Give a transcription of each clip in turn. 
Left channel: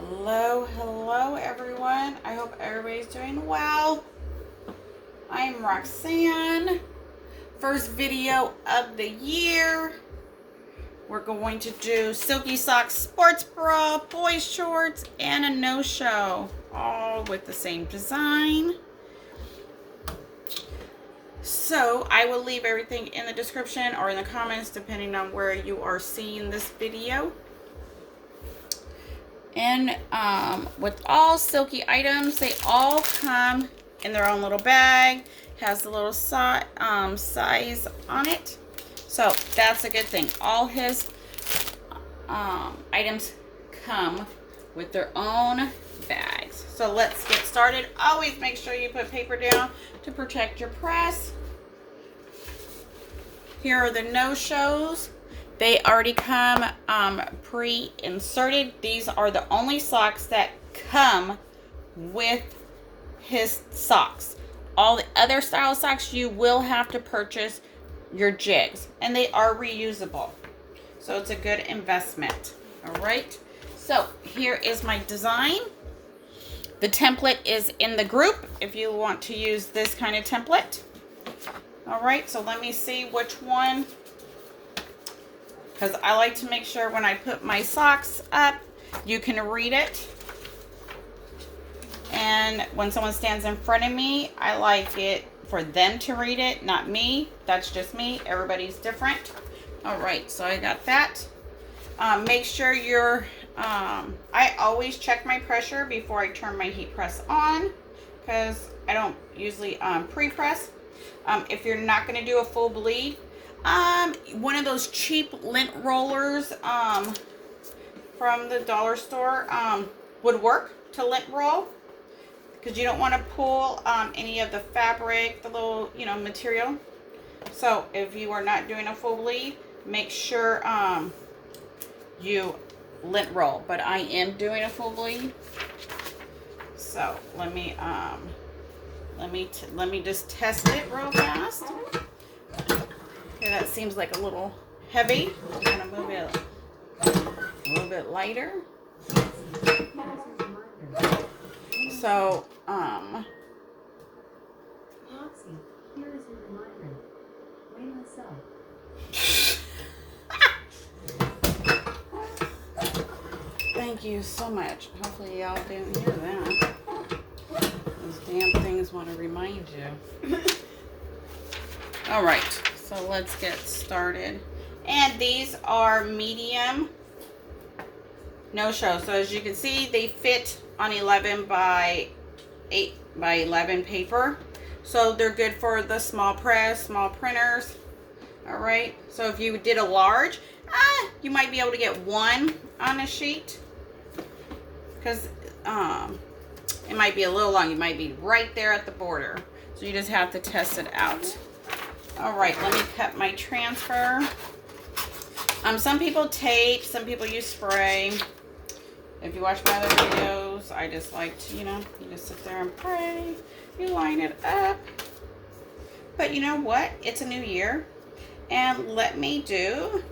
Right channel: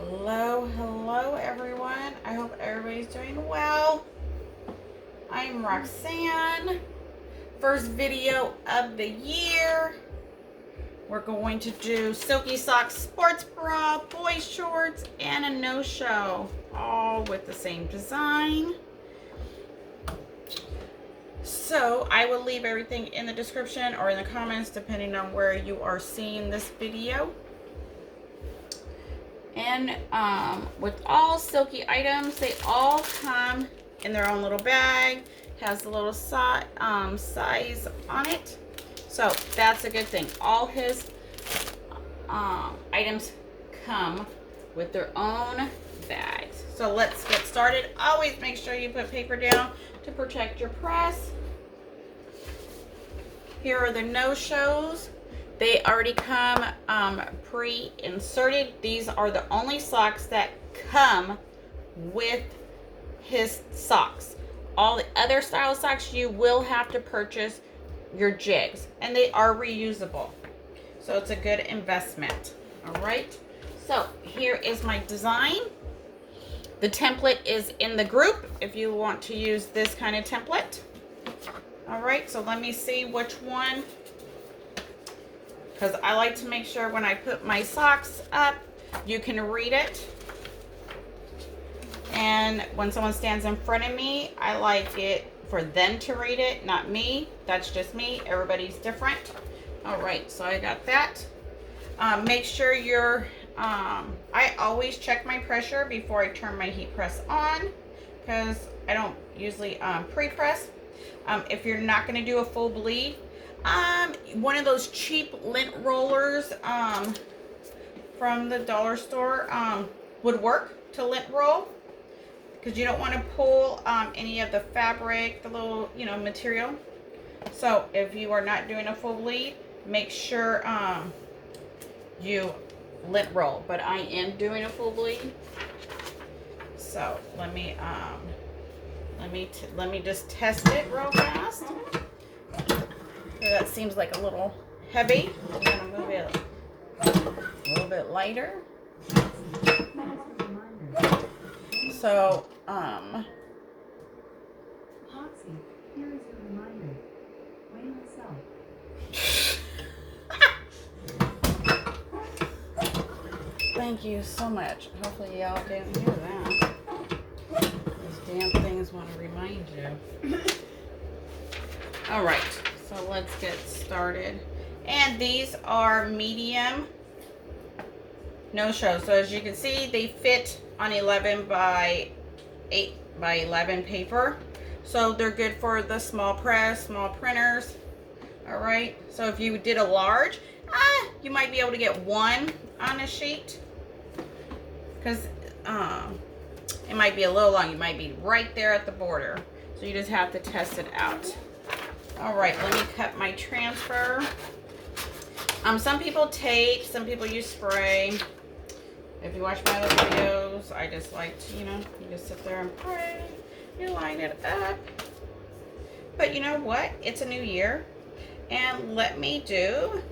Hello everyone. I hope everybody's doing well. I'm Roxanne. First video of the year. We're going to do Silky Socks sports bra, boys shorts, and a no-show, all with the same design. So I will leave everything in the description or in the comments depending on where you are seeing this video. And with all Silky items, they all come in their own little bag. Has the little size on it, so that's a good thing. All his items come with their own bags. So let's get started. Always make sure you put paper down to protect your press. Here are the no-shows. They already come pre-inserted. These are the only socks that come with his socks. All the other style socks, you will have to purchase your jigs, and they are reusable. So it's a good investment. All right. So here is my design. The template is in the group if you want to use this kind of template. All right. So let me see which one, because I like to make sure when I put my socks up, you can read it. And when someone stands in front of me, I like it for them to read it, not me. That's just me. Everybody's different. All right, so I got that. Make sure you're, I always check my pressure before I turn my heat press on, because I don't usually pre-press. If you're not going to do a full bleed, one of those cheap lint rollers from the dollar store would work to lint roll, because you don't want to pull any of the fabric, the little material. So if you are not doing a full bleed, make sure you lint roll. But I am doing a full bleed, so let me just test it real fast. Okay, that seems like a little heavy. I'm gonna move it a little bit lighter. So, Roxy, here is a reminder. Weigh myself. Thank you so much. Hopefully y'all didn't hear that. These damn things want to remind you. All right, so let's get started. And these are medium no-show. So as you can see, they fit on 11 by 8 by 11 paper. So they're good for the small press, small printers. All right, so if you did a large, you might be able to get one on a sheet, because it might be a little long. You might be right there at the border. So you just have to test it out. All right, let me cut my transfer. Some people tape, some people use spray. If you watch my other videos, I just like to, you just sit there and pray. You line it up. But you know what? It's a new year. And let me do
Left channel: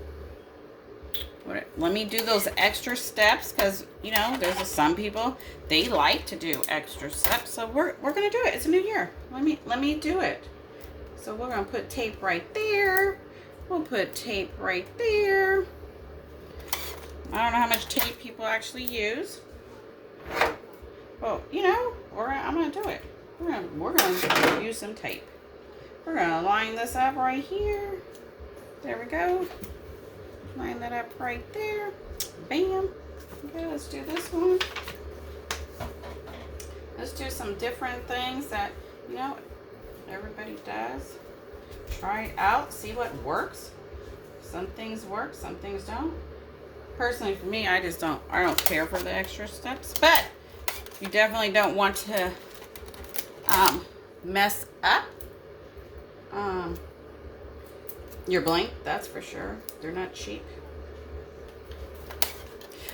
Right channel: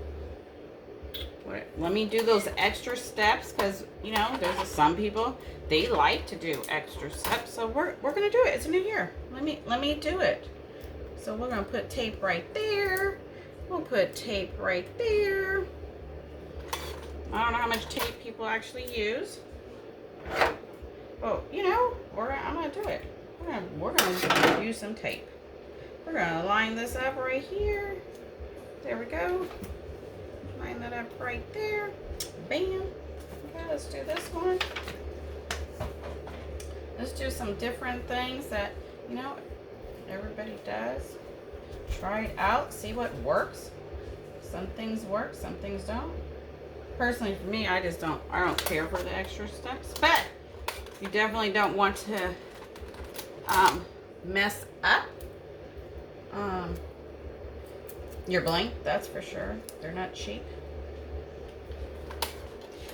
those extra steps, because, there's some people, they like to do extra steps. So we're going to do it. It's a new year. Let me do it. So we're going to put tape right there. We'll put tape right there. I don't know how much tape people actually use. Well, I'm going to do it. We're going to use some tape. We're going to line this up right here. There we go. Line that up right there. Bam. Okay, let's do this one. Let's do some different things that, everybody does. Try it out. See what works. Some things work, some things don't. Personally, for me, I don't care for the extra steps, but you definitely don't want to mess up your blank, that's for sure. They're not cheap.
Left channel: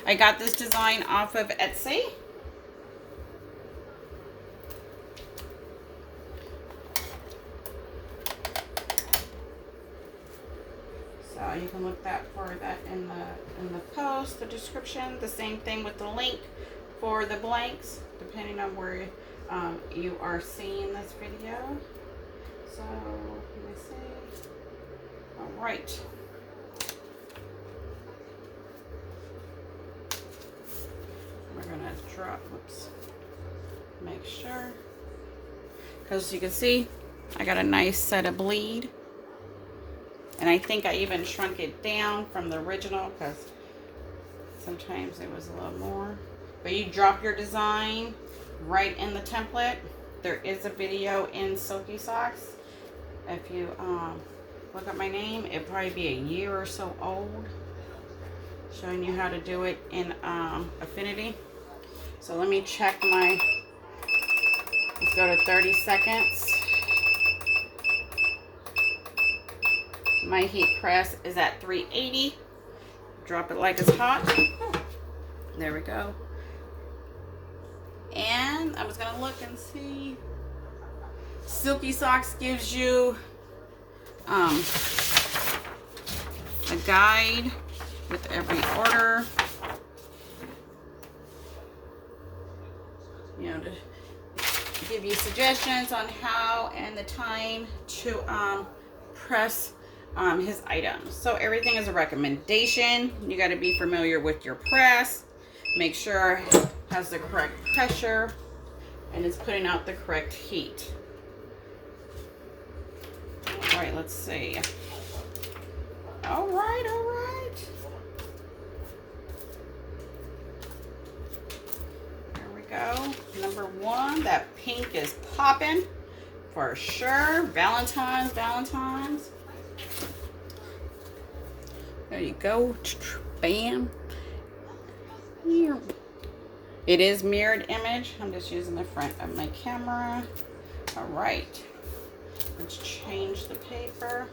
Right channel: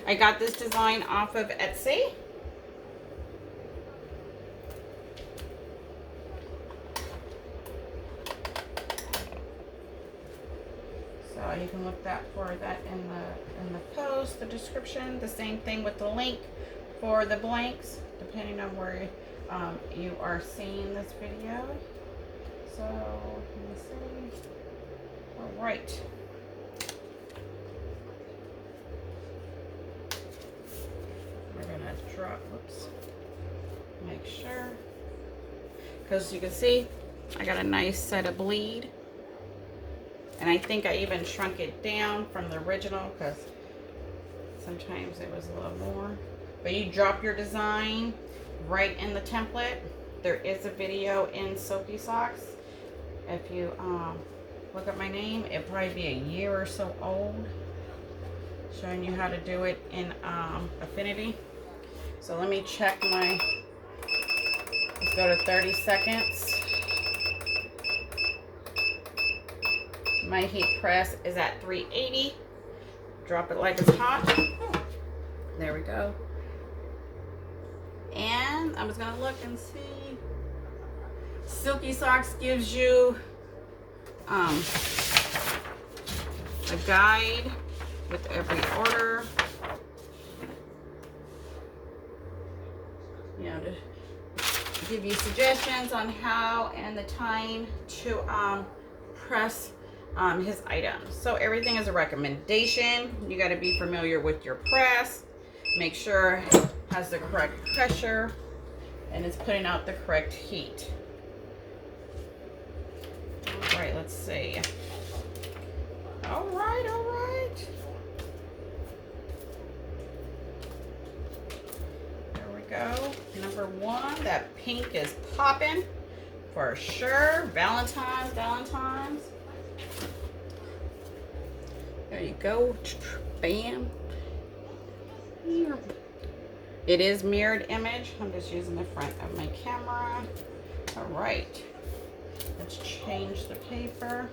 I got this design off of Etsy. So you can look for that in the post, the description. The same thing with the link for the blanks, depending on where you are seeing this video. So let me see. All right. We're gonna drop. Oops. Make sure, because you can see, I got a nice set of bleed, and I think I even shrunk it down from the original because sometimes it was a little more. But you drop your design right in the template. There is a video in Silky Socks. If you look at my name, it'll probably be a year or so old, showing you how to do it in Affinity. So let me check my, let's go to 30 seconds. My heat press is at 380. Drop it like it's hot. There we go. And I'm just gonna look and see. Silky Socks gives you a guide with every order. You know, to give you suggestions on how and the time to press his items. So everything is a recommendation. You got to be familiar with your press. Make sure it has the correct pressure and it's putting out the correct heat. All right, let's see. All right, all right. There we go. Number one, that pink is popping for sure. Valentine's. There you go. Bam. Here. It is mirrored image. I'm just using the front of my camera. All right. Let's change the paper.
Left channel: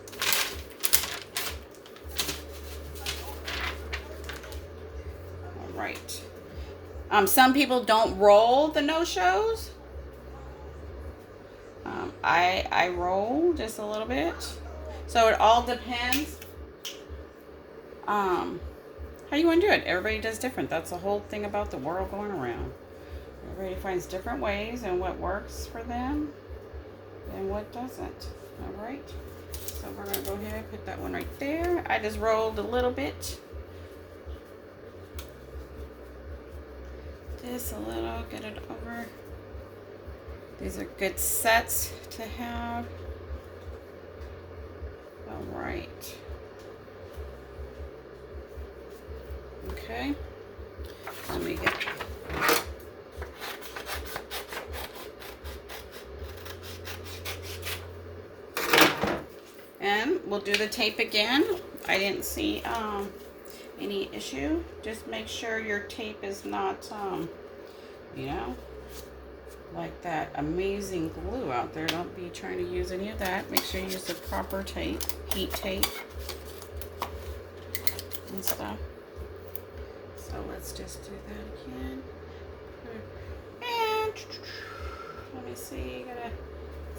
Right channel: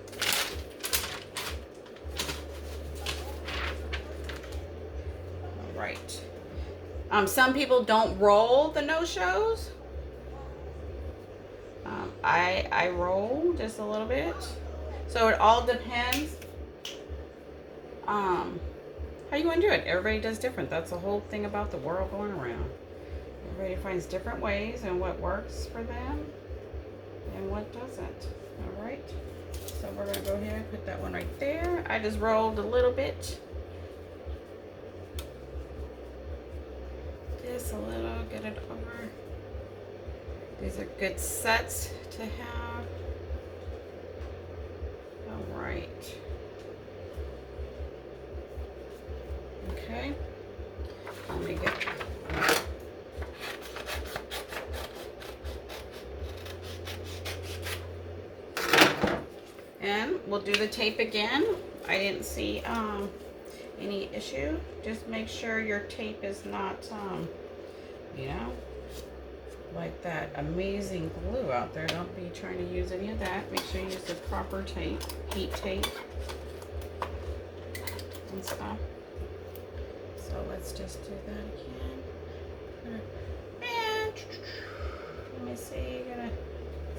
All right. Some people don't roll the no-shows. I roll just a little bit. So it all depends how you want to do it. Everybody does different. That's the whole thing about the world going around. Everybody finds different ways and what works for them and what doesn't. All right. So we're going to go ahead and put that one right there. I just rolled a little bit. Just a little. Get it over. These are good sets to have. All right. Okay. Let me get. And we'll do the tape again. I didn't see any issue. Just make sure your tape is not, you know, like that amazing glue out there. Don't be trying to use any of that. Make sure you use the proper tape, heat tape and stuff. So let's just do that again. And let me see. Gotta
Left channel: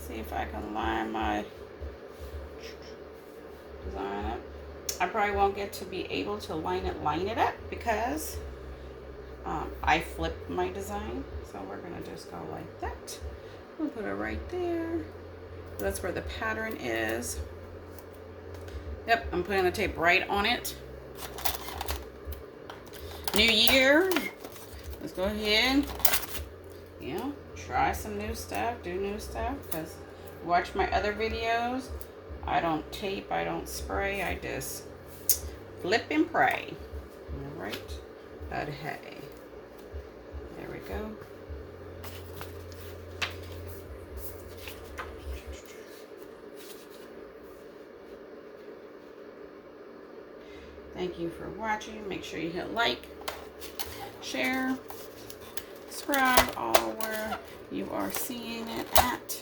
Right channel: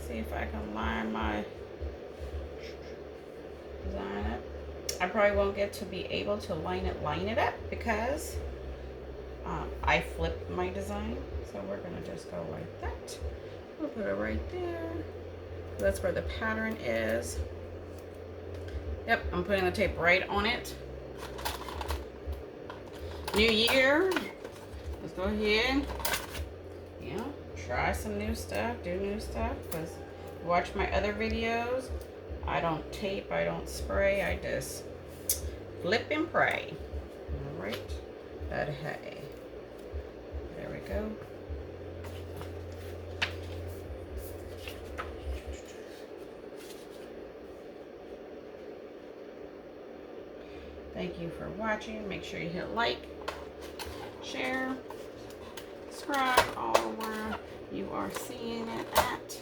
see if I can line my design up. I probably won't get to be able to line it up because I flipped my design. So we're gonna just go like that. We'll put it right there. That's where the pattern is. Yep, I'm putting the tape right on it. New year. Let's go ahead. You know, try some new stuff, do new stuff. Because watch my other videos. I don't tape, I don't spray, I just flip and pray. All right, but hey, there we go. Thank you for watching. Make sure you hit like, share, subscribe, all where you are seeing it at.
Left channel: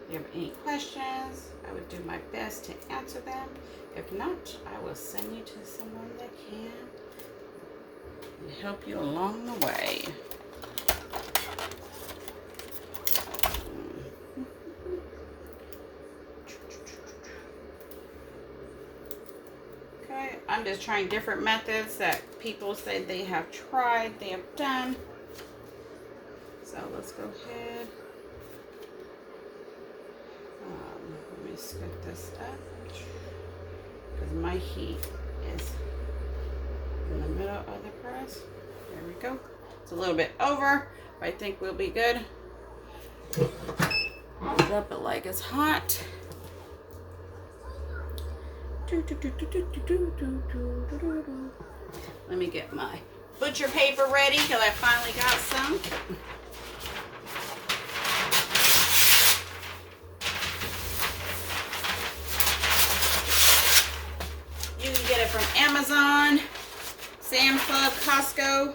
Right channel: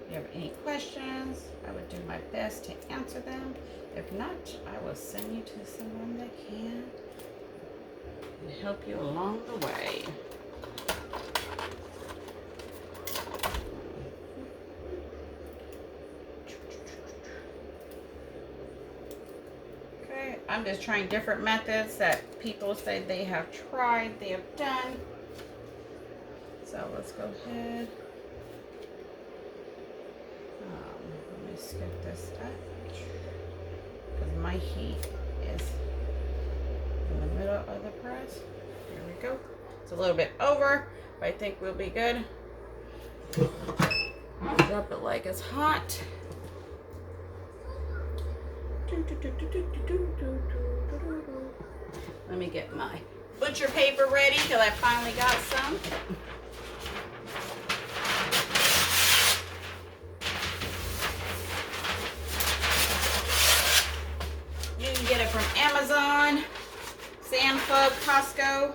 If you have any questions, I would do my best to answer them. If not, I will send you to someone that can help you along the way. Okay, I'm just trying different methods that people say they have tried, they have done. So let's go ahead. Let me scoop this up because my heat is in the middle of the press. There we go. It's a little bit over, but I think we'll be good. Drop it like it's hot. Let me get my butcher paper ready because I finally got some. You can get it from Amazon, Sam's Club, Costco.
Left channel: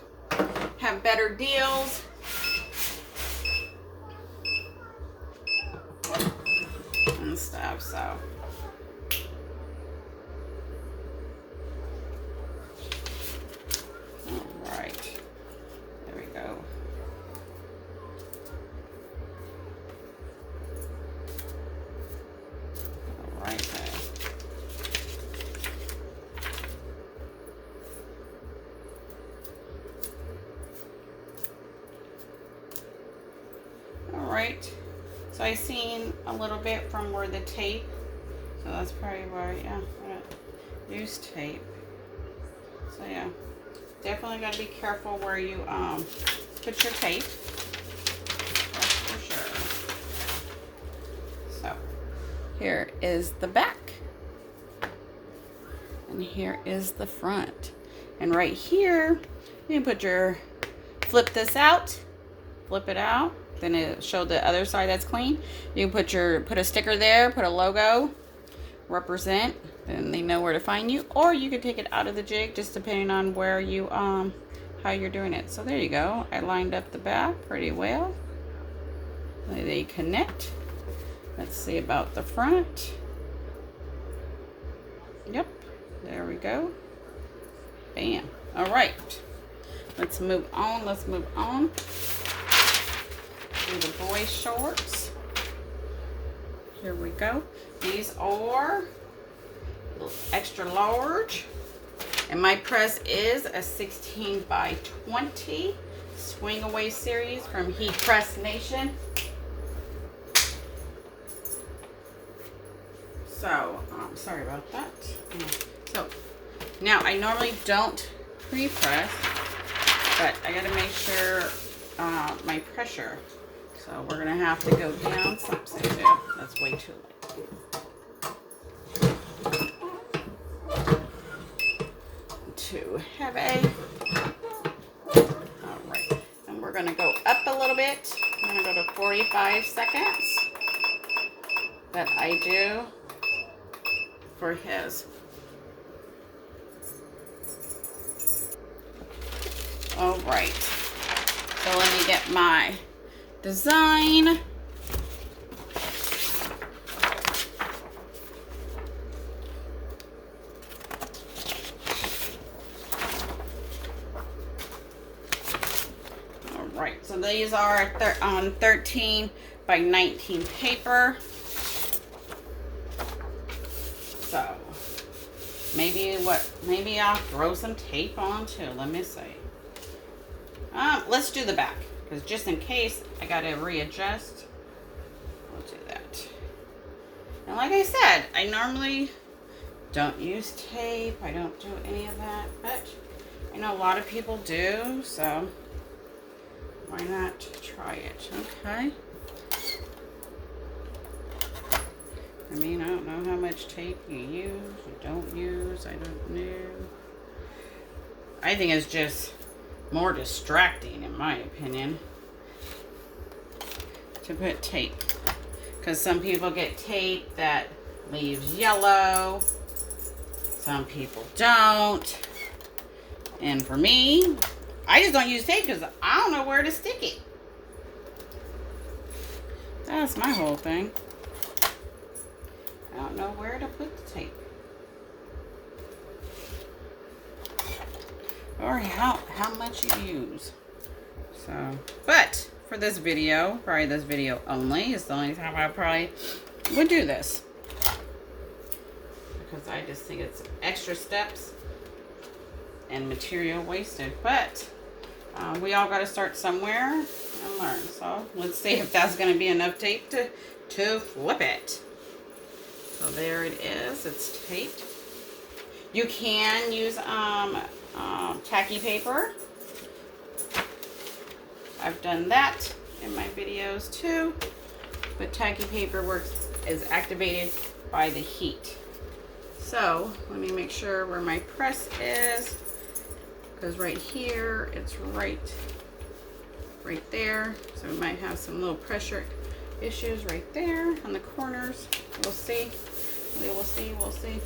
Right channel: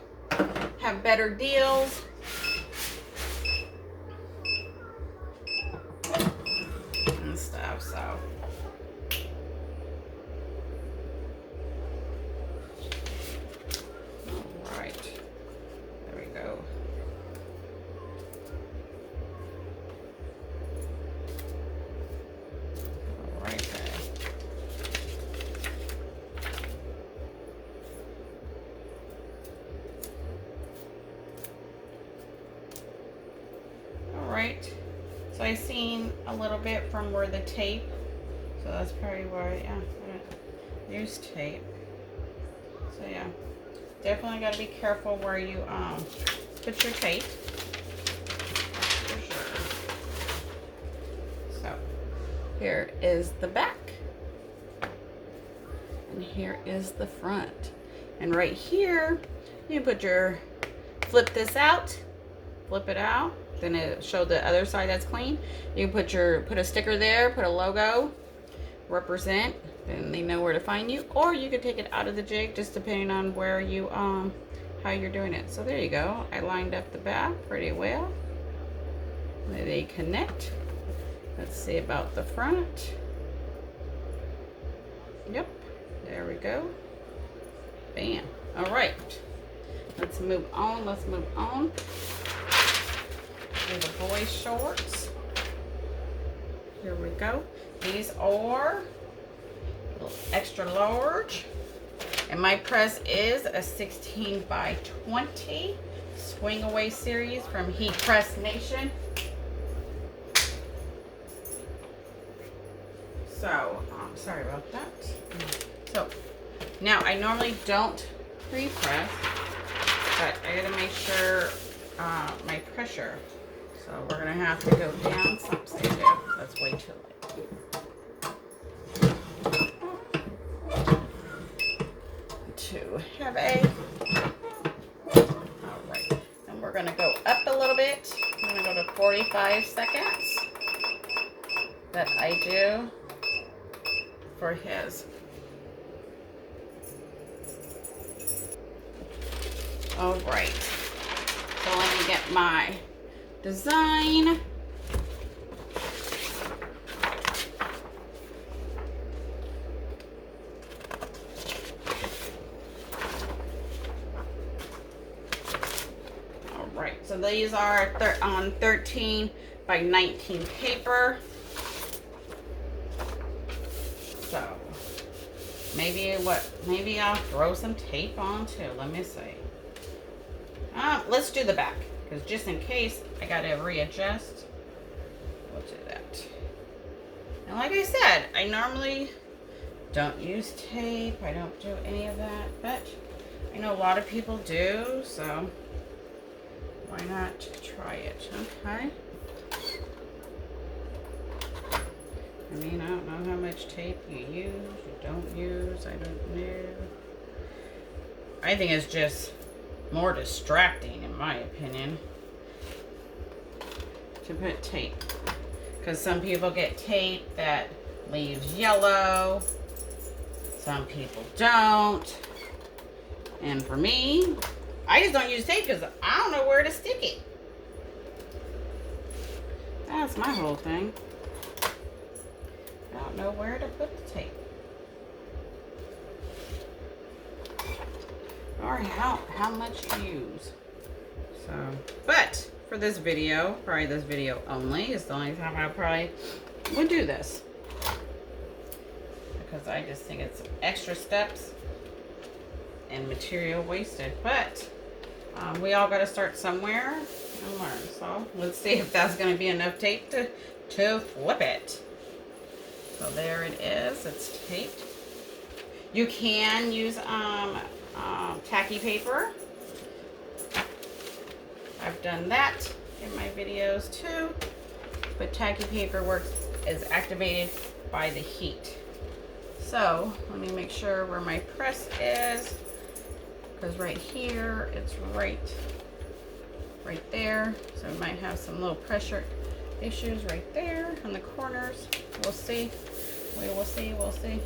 Have better deals. And stuff, so. Alright. There we go. Alright then. Alright. So I seen a little bit from where the tape, so that's probably where, yeah, I use tape. So yeah, definitely got to be careful where you put your tape. That's for sure. So here is the back, and here is the front, and right here you put your flip this out, flip it out. Then it showed the other side that's clean. You can put a sticker there, put a logo, represent, then they know where to find you. Or you could take it out of the jig, just depending on where you how you're doing it. So there you go. I lined up the back pretty well. They connect. Let's see about the front. Yep, there we go. Bam. All right. Let's move on. Let's move on. The boys shorts. Here we go. These are extra large, and my press is a 16 by 20 swing away series from Heat Press Nation. So sorry about that. So now I normally don't pre-press, but I gotta make sure my pressure. So we're gonna have to go down. That's way too late. Too heavy. Alright. And we're gonna go up a little bit. I'm gonna go to 45 seconds. That I do for his. Alright. So let me get my design. Alright, so these are on 13 by 19 paper. So maybe I'll throw some tape on too. Let me see. Let's do the back, because just in case I gotta readjust, we'll do that. And like I said, I normally don't use tape. I don't do any of that, but I know a lot of people do, so why not try it? Okay. I mean, I don't know how much tape you use, you don't use, I don't know. I think it's just more distracting, in my opinion, to put tape. Because some people get tape that leaves yellow. Some people don't. And for me, I just don't use tape because I don't know where to stick it. That's my whole thing. I don't know where to put the tape. Or how much you use. So, but for this video, probably this video only, is the only time I probably would do this. Because I just think it's extra steps and material wasted. But we all got to start somewhere and learn. So let's see if that's going to be enough tape to flip it. So there it is. It's taped. You can use tacky paper. I've done that in my videos too. But tacky paper is activated by the heat. So let me make sure where my press is, because right here it's right there. So we might have some little pressure issues right there on the corners. We'll see. We will see. We'll see.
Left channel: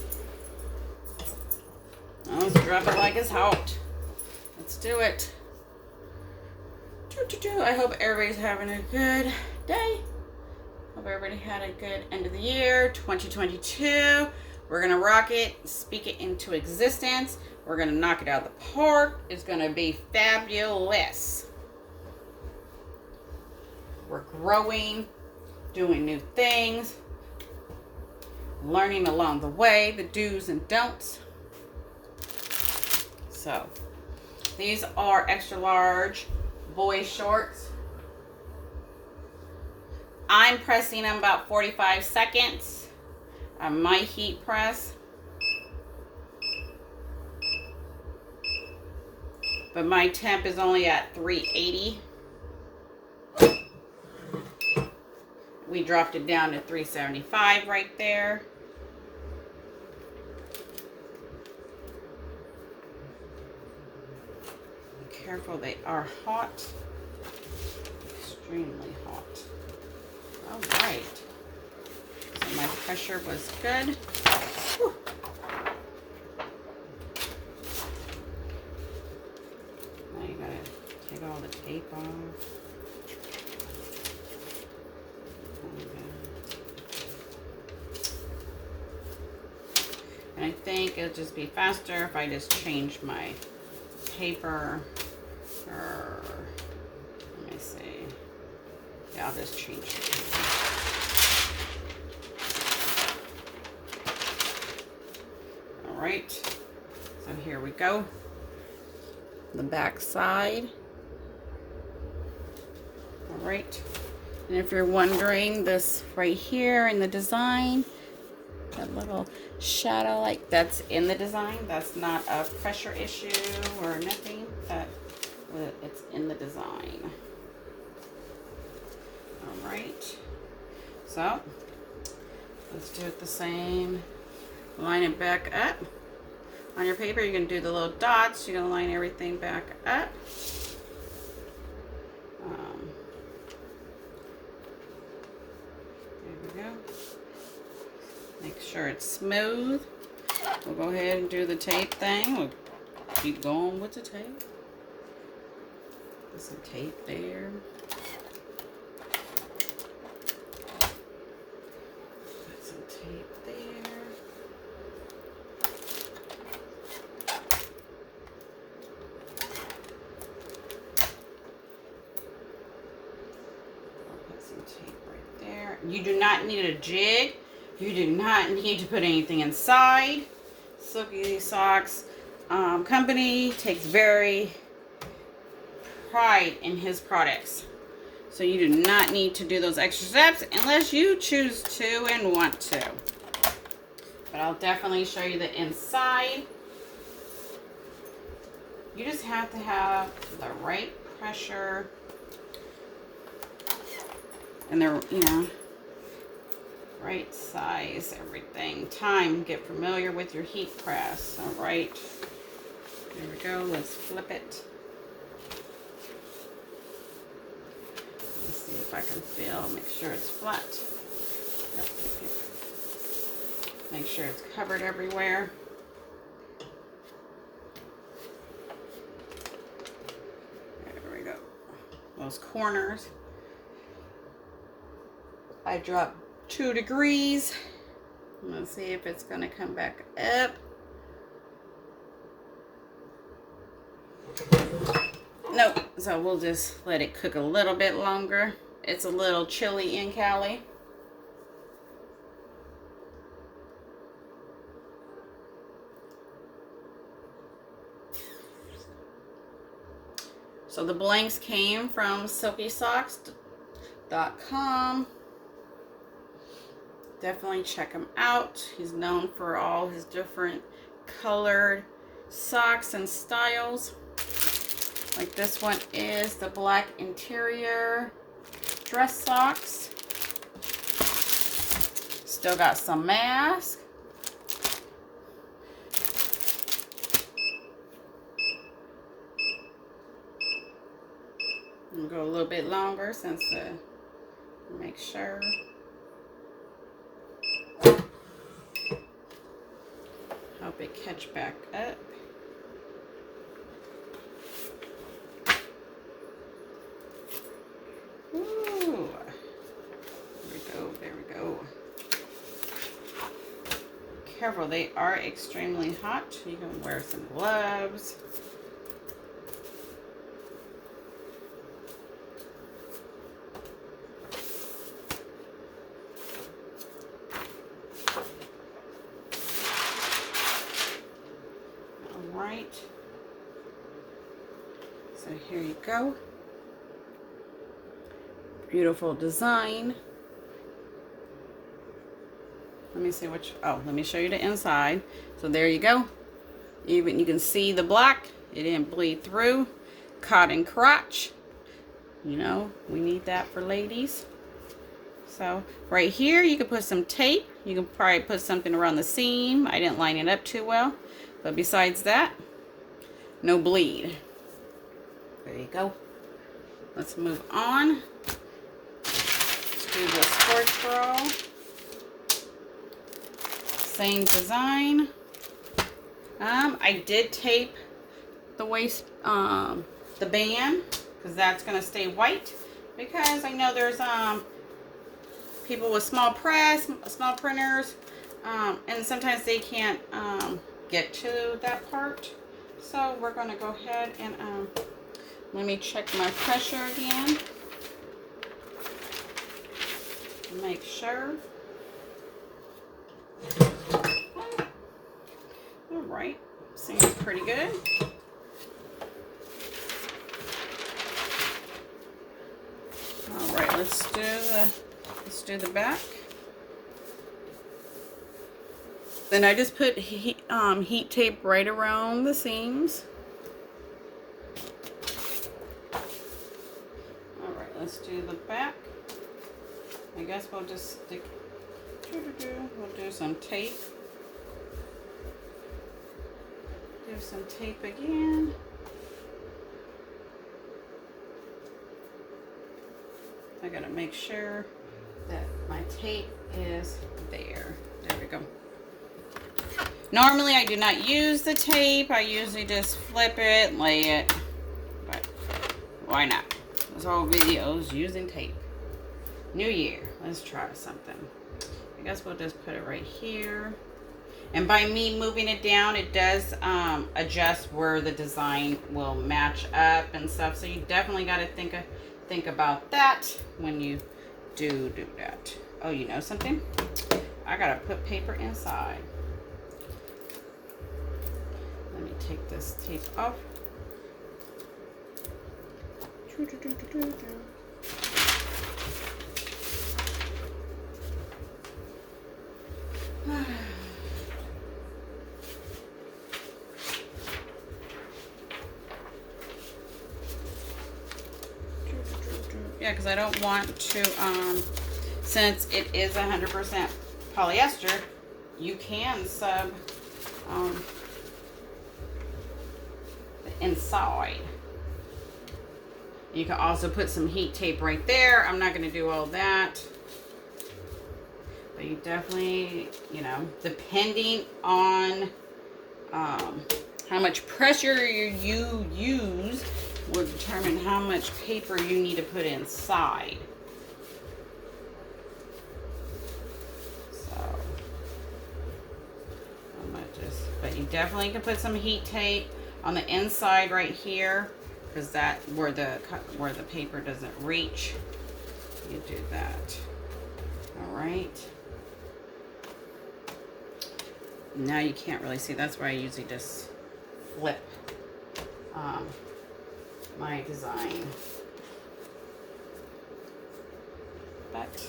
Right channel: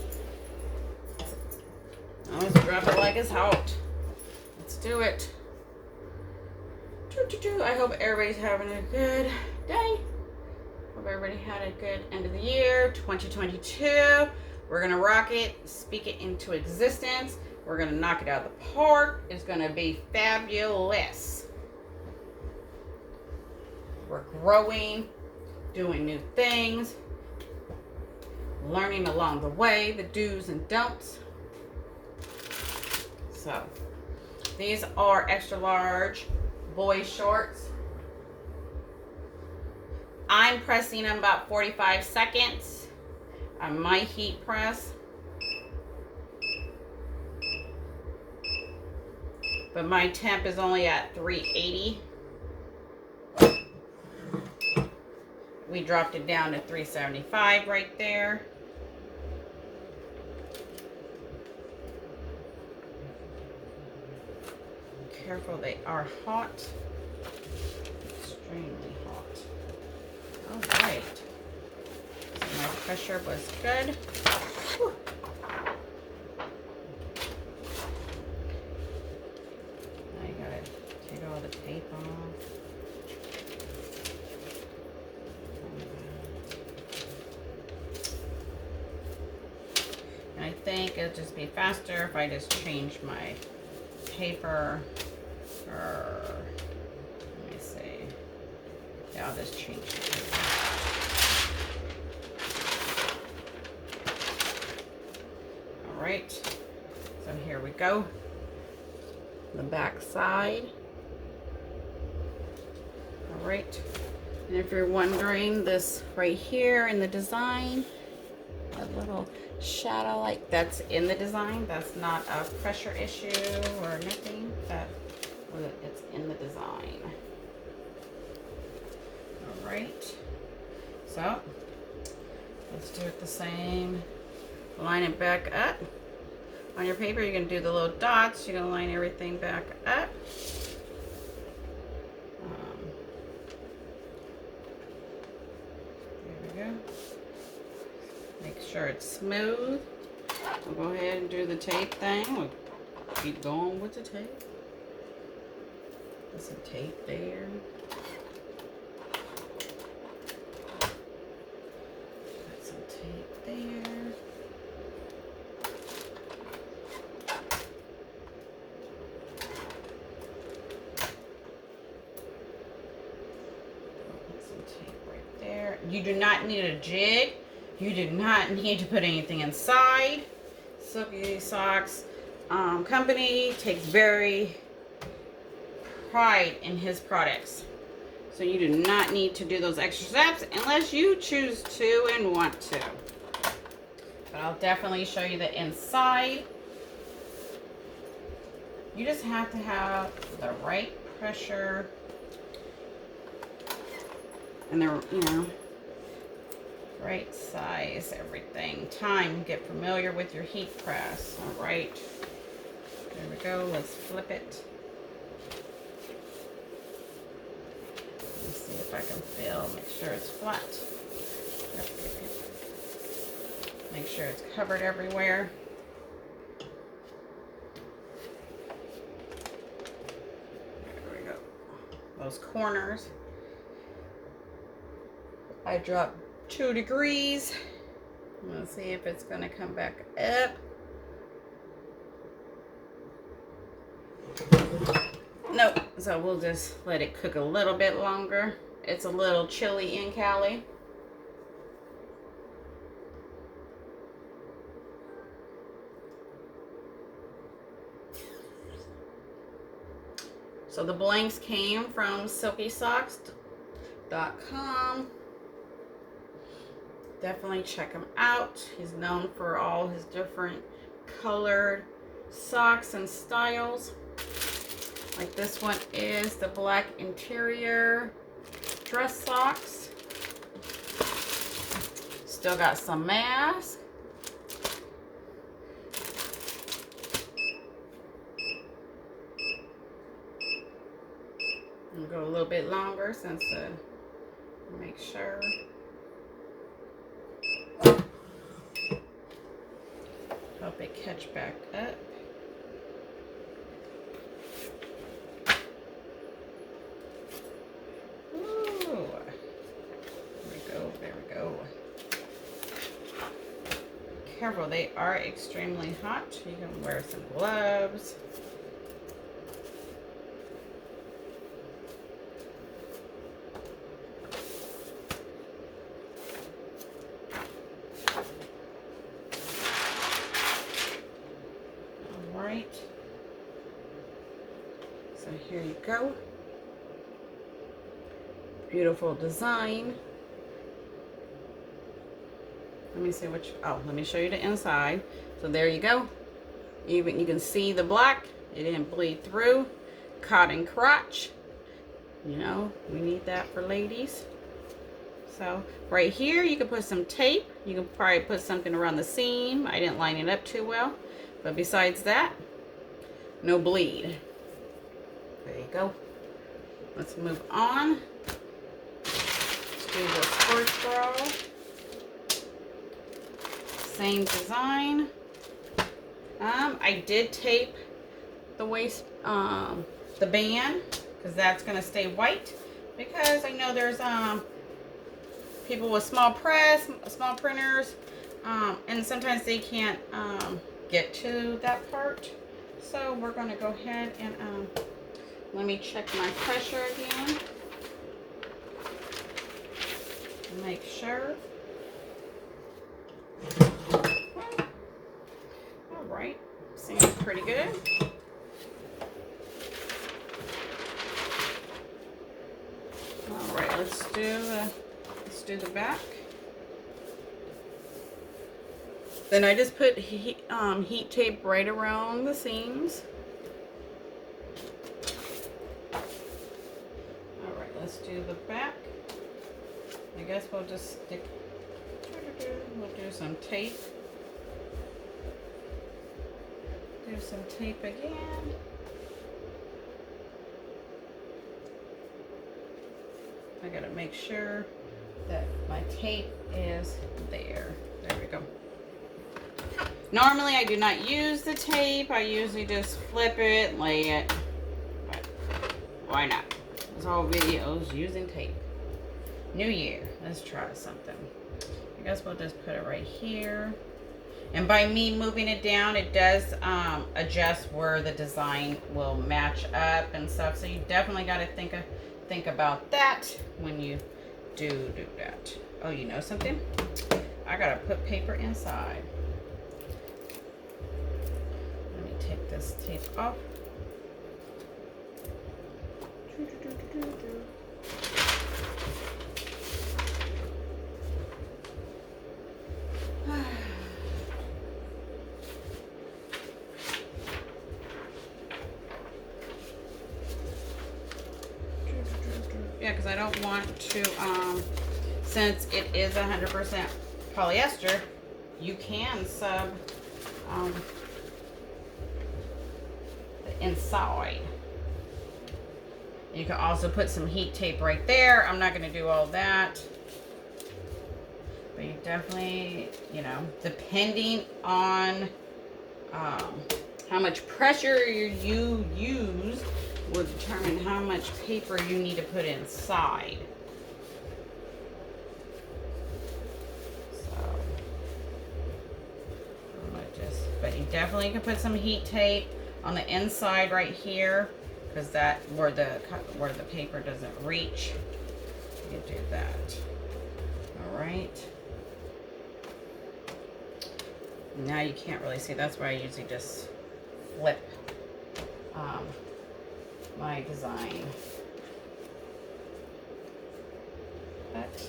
Let's drop it like it's hot. Let's do it. I hope everybody's having a good day. Hope everybody had a good end of the year, 2022. We're gonna rock it, speak it into existence. We're gonna knock it out of the park. It's gonna be fabulous. We're growing, doing new things, learning along the way, the do's and don'ts. So, these are extra large boy shorts. I'm pressing them about 45 seconds on my heat press. But my temp is only at 380. We dropped it down to 375 right there. Careful, they are hot. Extremely hot. All right. So my pressure was good. Whew. Now you gotta take all the tape off. And I think it'll just be faster if I just change my paper. Or, let me see. Yeah, I'll just change it. All right. So here we go. The back side. All right. And if you're wondering, this right here in the design, that little shadow, like that's in the design. That's not a pressure issue or nothing. It's in the design. All right. So let's do it the same. Line it back up. On your paper, you're going to do the little dots. You're going to line everything back up. There we go. Make sure it's smooth. We'll go ahead and do the tape thing. We'll keep going with the tape. Put some tape there. Put some tape there. Put some tape right there. You do not need a jig. You do not need to put anything inside. Silky Socks company takes very pride in his products. So you do not need to do those extra steps unless you choose to and want to. But I'll definitely show you the inside. You just have to have the right pressure and the, right size, everything. Time, get familiar with your heat press. All right, there we go. Let's flip it. Let's see if I can feel, make sure it's flat. Make sure it's covered everywhere. There we go. Those corners. I dropped 2 degrees. I'm gonna see if it's gonna come back up. Nope, so we'll just let it cook a little bit longer. It's a little chilly in Cali. So the blanks came from SilkySocks.com. Definitely check him out. He's known for all his different colored socks and styles. Like this one is the black interior dress socks. Still got some mask. I'll go a little bit longer since make sure. Hope it catch back up. Ooh. There we go. Careful, they are extremely hot. You can wear some gloves. Right. So here you go. Beautiful design. Let me see which, oh, let me show you the inside. So there you go. Even you can see the black. It didn't bleed through. Cotton crotch. You know, we need that for ladies. So right here, you can put some tape. You can probably put something around the seam. I didn't line it up too well. But besides that, no bleed. There you go. Let's move on. Let's do the sports bra. Same design. I did tape the waist, the band, because that's going to stay white. Because I know there's people with small press, small printers, and sometimes they can't get to that part. So we're going to go ahead and let me check my pressure again. Make sure. All right, seems pretty good. All right, let's do the back. Then I just put heat tape right around the seams. All right, let's do the back. I guess we'll just stick. We'll do some tape. Do some tape again. I gotta make sure that my tape is there. There we go. Normally I do not use the tape. I usually just flip it, lay it. But why not? This whole video is using tape. New year. Let's try something. I guess we'll just put it right here. And by me moving it down, it does adjust where the design will match up and stuff. So you definitely got to think about that when you do that. Oh, you know something? I got to put paper inside. Let me take this tape off. Yeah, because I don't want to, since it is 100% polyester, you can sub the inside. You can also put some heat tape right there. I'm not going to do all that. But you definitely, you know, depending on how much pressure you use will determine how much paper you need to put inside. So, I'm gonna but you definitely can put some heat tape on the inside right here, because that where the paper doesn't reach. You do that. All right. Now you can't really see. That's why I usually just flip my design. But,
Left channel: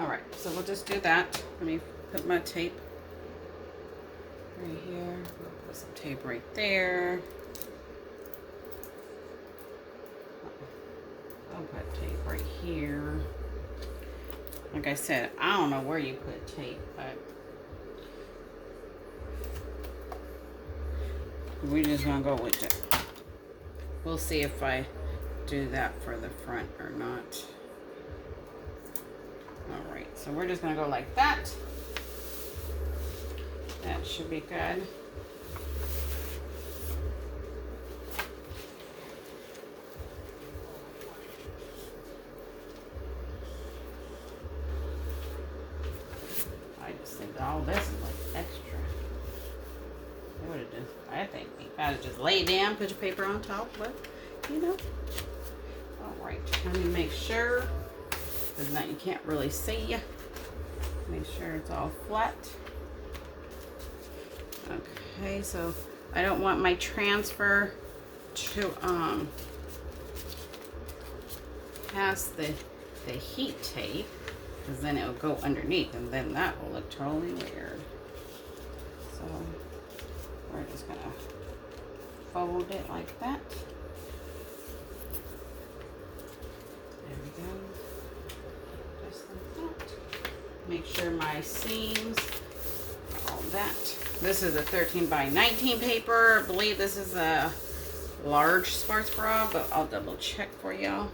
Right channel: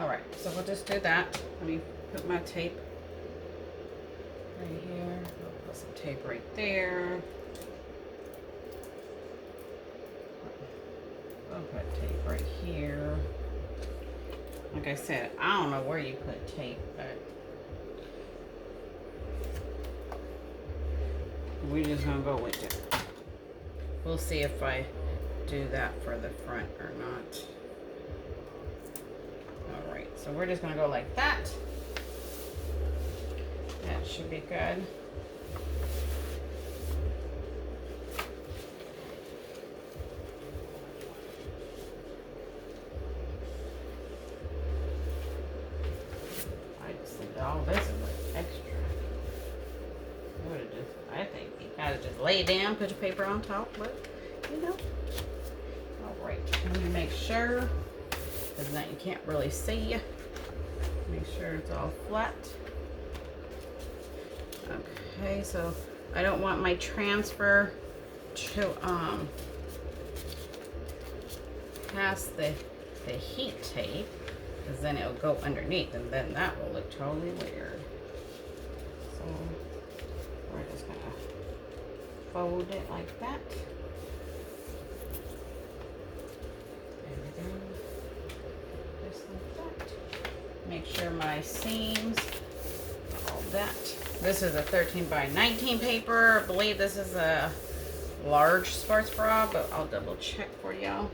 all right, so we'll just do that. Let me put my tape right here. Put some tape right there. I'll put tape right here. Like I said, I don't know where you put tape, but we're just gonna go with it. We'll see if I do that for the front or not. All right, so we're just gonna go like that. That should be good. I just think all this is like extra. I would have just, I think you gotta just lay it down, put your paper on top, but you know. All right, let me make sure, because now you can't really see. Make sure it's all flat. Okay, so I don't want my transfer to pass the heat tape, because then it'll go underneath, and then that will look totally weird. So we're just gonna fold it like that. There we go. Just like that. Make sure my seams, all that. This is a 13 by 19 paper. I believe this is a large sports bra, but I'll double check for y'all.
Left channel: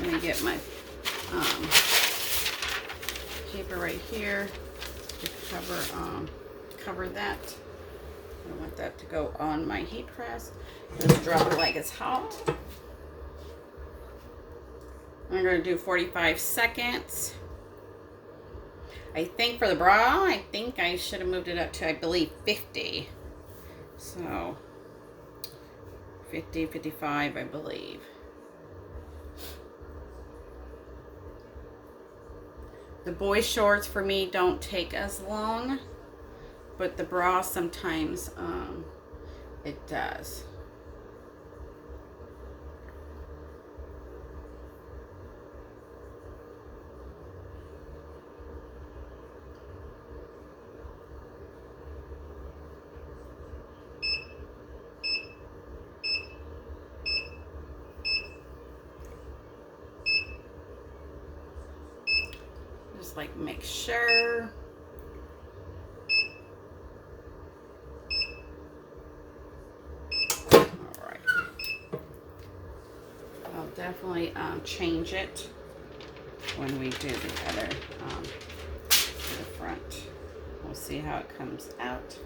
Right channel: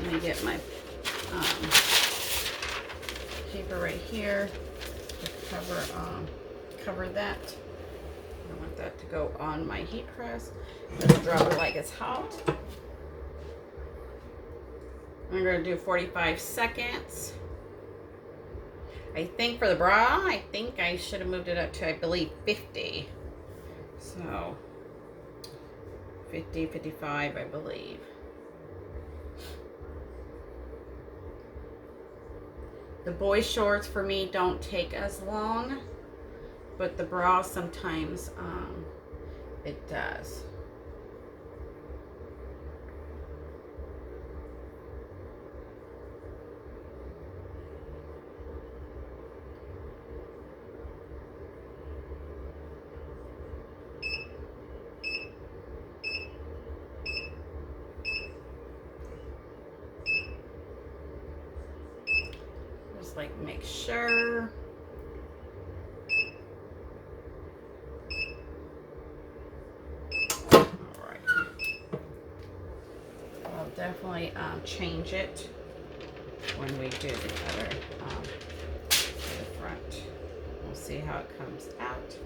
Let me get my paper right here to cover that. I want that to go on my heat press. Just drop it like it's hot. I'm going to do 45 seconds. I think for the bra, I think I should have moved it up to, I believe, 50. So, 50, 55, I believe. The boys' shorts for me don't take as long, but the bra sometimes it does. Like make sure. All right. I'll definitely change it when we do the other the front. We'll see how it comes out.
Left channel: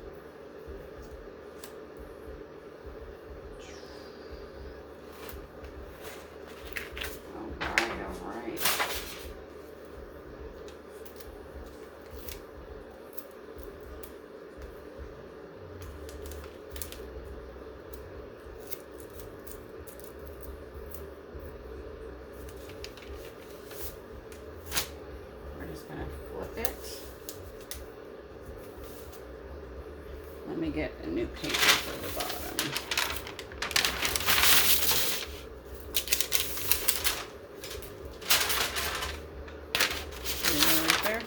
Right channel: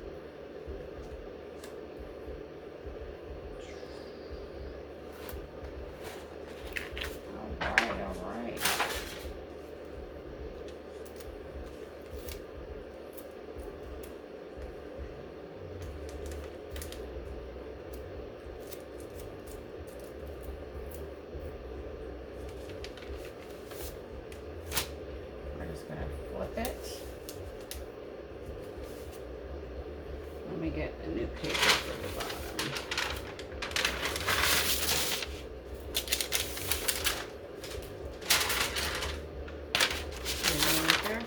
Let me get a new paper for the bottom. Right there.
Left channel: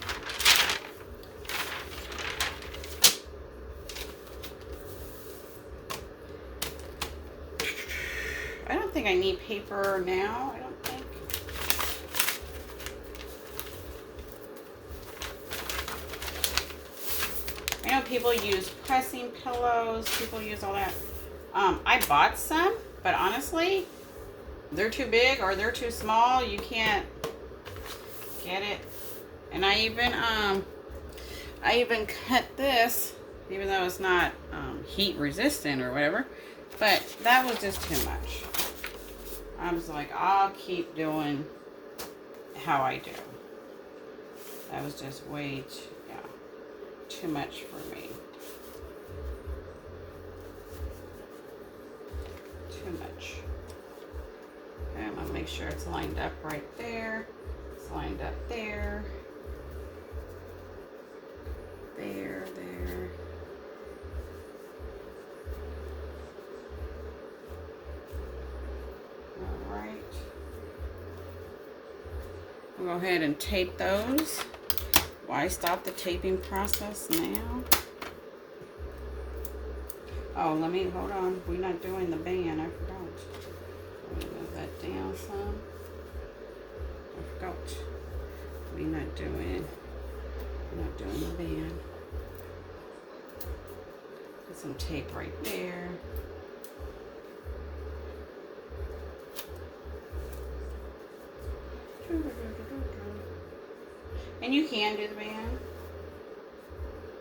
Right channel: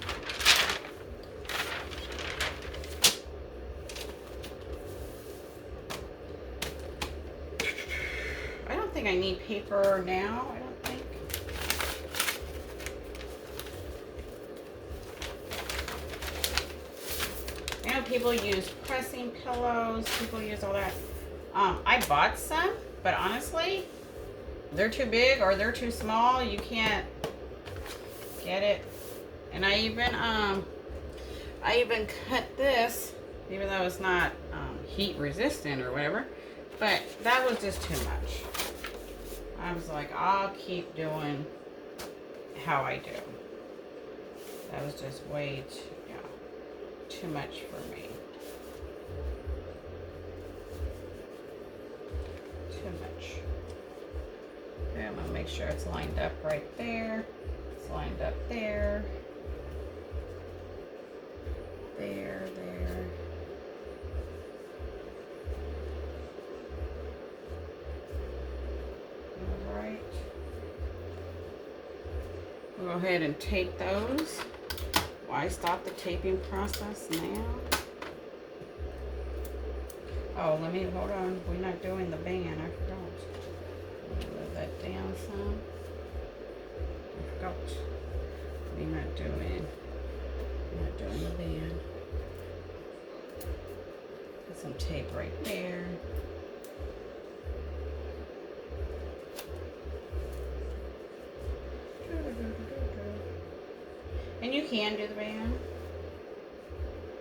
I don't think I need paper now. I don't think. I know people use pressing pillows, people use all that. I bought some, but honestly, they're too big or they're too small. You can't get it. And I even cut this, even though it's not heat resistant or whatever, but that was just too much. I was like, I'll keep doing how I do. That was just way too much for me. Too much. Okay, I'm gonna make sure it's lined up right there. It's lined up there. There. We'll go ahead and tape those. Why stop the taping process now? Oh, hold on. We're not doing the band. I forgot. Let me move that down some. I forgot. We're not doing the band. Put some tape right there. And you can do the band.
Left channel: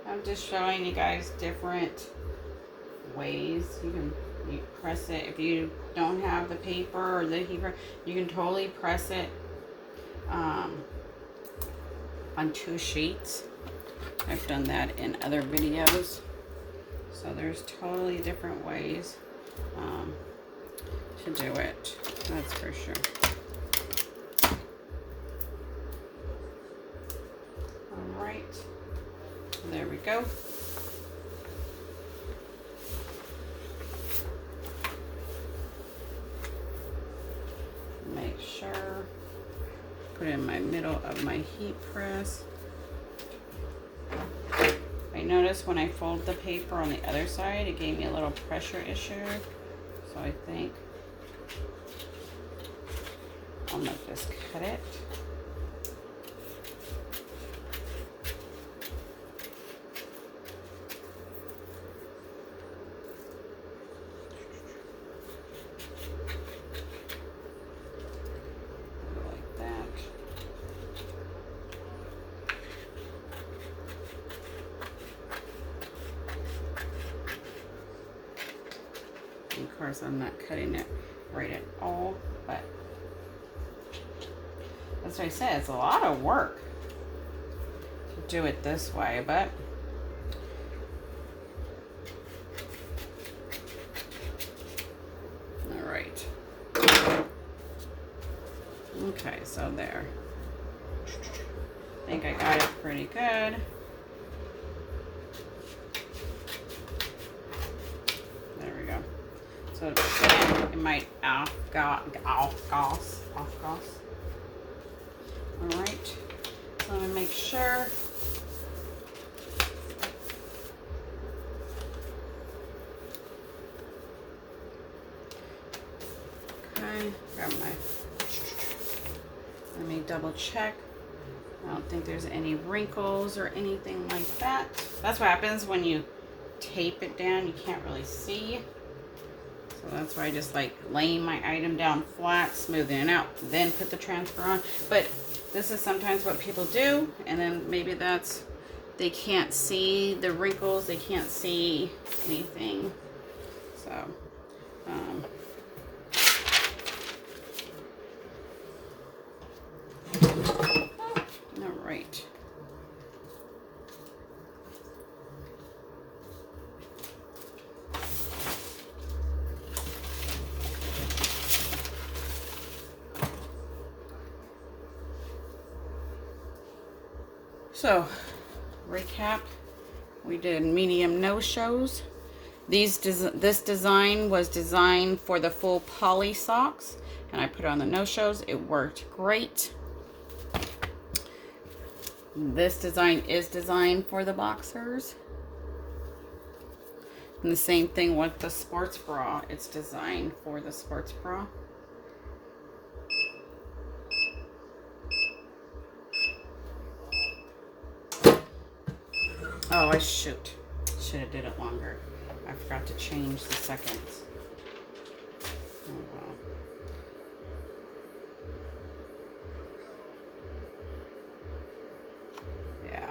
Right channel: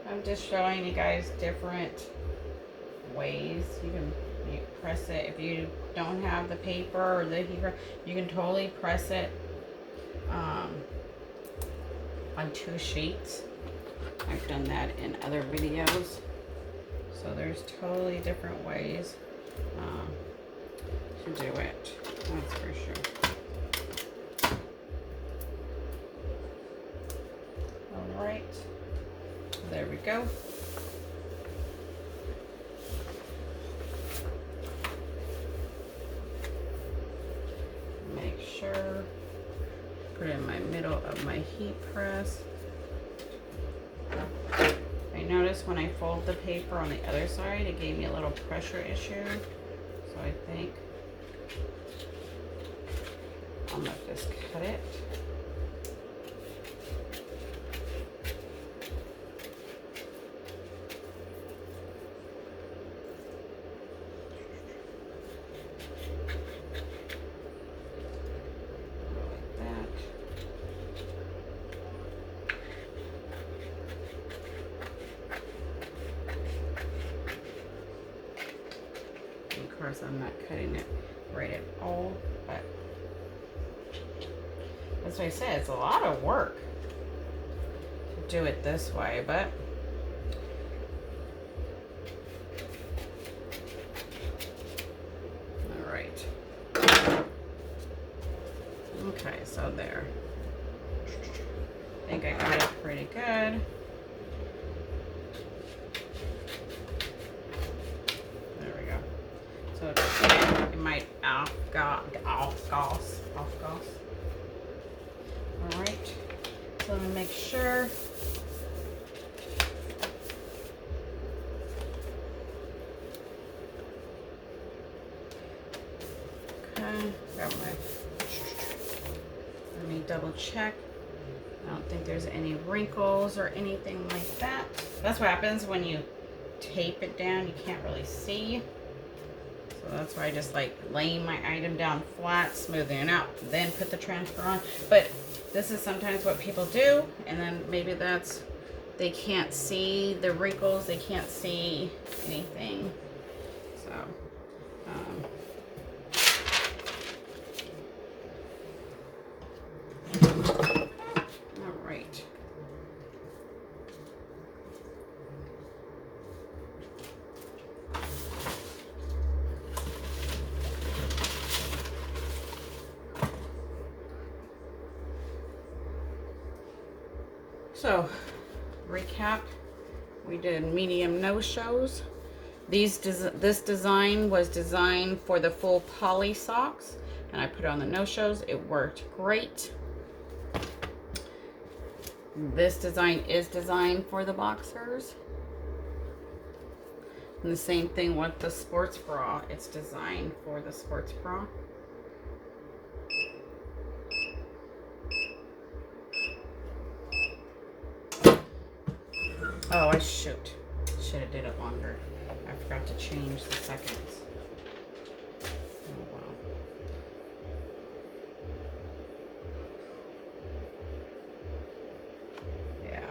I'm just showing you guys different ways. You press it. If you don't have the paper or the heater, you can totally press it on 2 sheets. I've done that in other videos. So there's totally different ways to do it. That's for sure. All right. There we go. Make sure, put it in my middle of my heat press. I noticed when I fold the paper on the other side, it gave me a little pressure issue. So I think I'll let this cut it. Of course, I'm not cutting it right at all, but that's what I said. It's a lot of work to do it this way, but all right. Okay, so there. I think I got it pretty good. So it might off cost. All right. So let me make sure. Okay. Let me double check. I don't think there's any wrinkles or anything like that. That's what happens when you tape it down. You can't really see. So that's why I just like laying my item down flat, smoothing it out, then put the transfer on. But this is sometimes what people do, and then maybe that's, they can't see the wrinkles, they can't see anything. So, all right. So, recap, we did medium no-shows. This design was designed for the full poly socks, and I put it on the no-shows. It worked great. This design is designed for the boxers. And the same thing with the sports bra. It's designed for the sports bra. Oh, I should have did it longer. I forgot to change the seconds. Oh, wow. Yeah,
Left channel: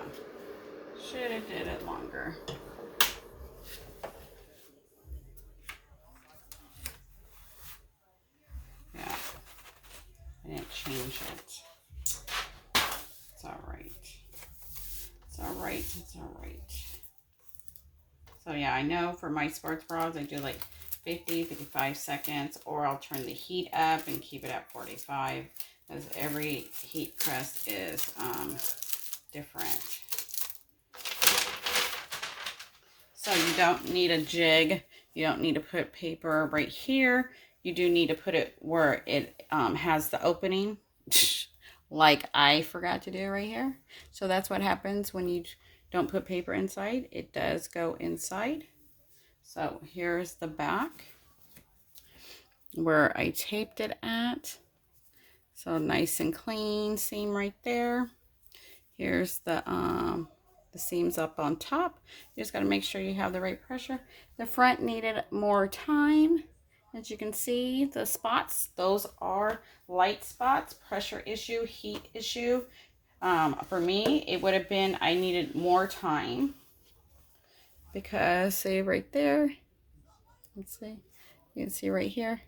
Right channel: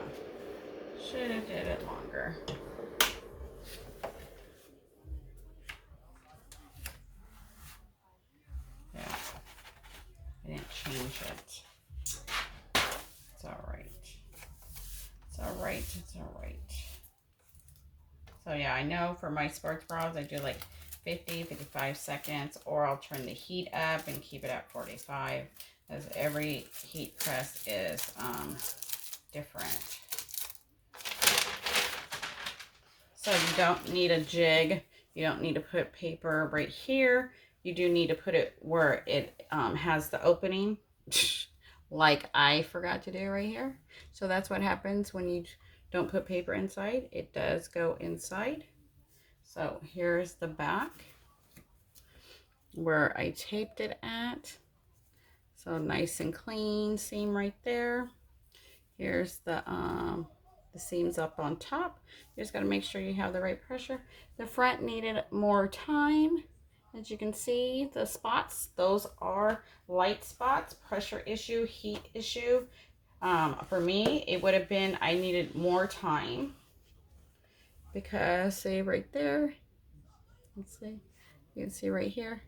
should have did it longer. Yeah, I didn't change it. It's all right. It's all right. It's all right. So yeah, I know for my sports bras, I do like 50, 55 seconds, or I'll turn the heat up and keep it at 45, because every heat press is different. So you don't need a jig. You don't need to put paper right here. You do need to put it where it has the opening. like I forgot to do right here. So that's what happens when you don't put paper inside. It does go inside. So here's the back where I taped it at. So nice and clean seam right there. Here's the seams up on top. You just got to make sure you have the right pressure. The front needed more time. As you can see, the spots, those are light spots, pressure issue, heat issue. For me, it would have been, I needed more time because see right there, let's see, you can see right here,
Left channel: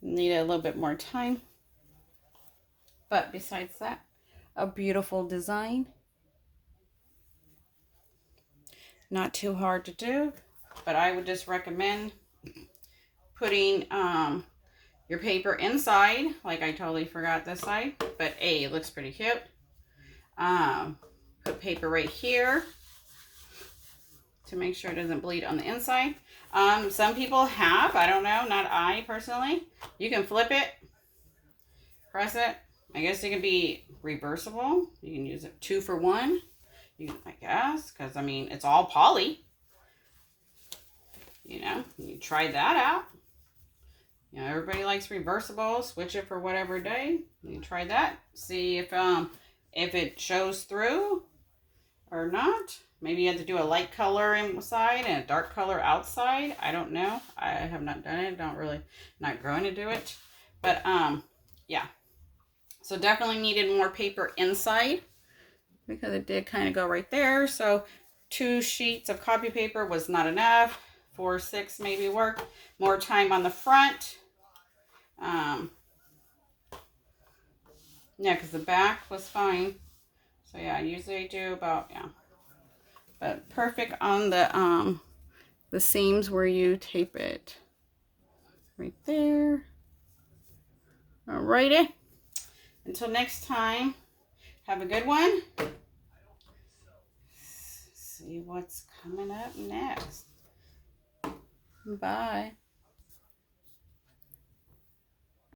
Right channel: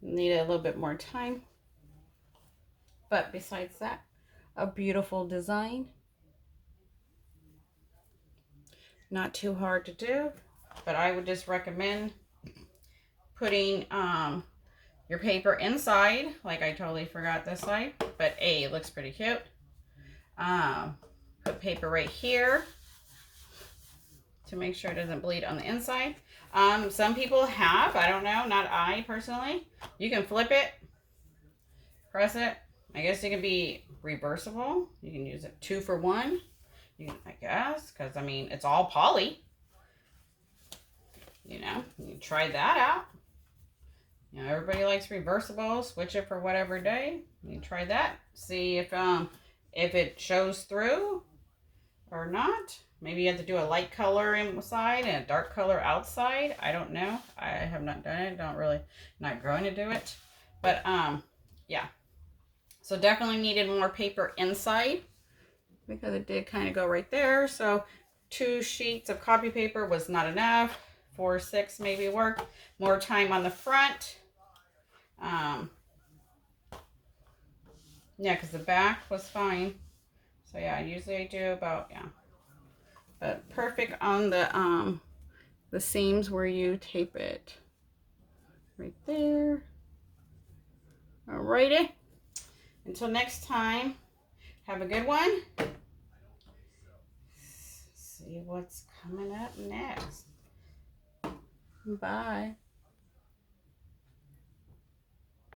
needed a little bit more time. But besides that, a beautiful design. Not too hard to do, but I would just recommend putting your paper inside. Like I totally forgot this side, but it looks pretty cute. Put paper right here to make sure it doesn't bleed on the inside. Some people have, I don't know, not I personally. You can flip it, press it. I guess it can be reversible. You can use it 2 for 1. You can, I guess, because I mean, it's all poly. You know, you try that out. You know, everybody likes reversible. Switch it for whatever day. You try that. See if it shows through or not. Maybe you have to do a light color inside and a dark color outside. I don't know. I have not done it. Not going to do it. But yeah. So definitely needed more paper inside because it did kind of go right there. So 2 sheets of copy paper was not enough. 4 or 6 maybe work. More time on the front. Yeah, because the back was fine. So yeah, I usually do about, yeah. But perfect on the seams where you tape it. Right there. Alrighty. Until next time, have a good one. See what's coming up next. Bye.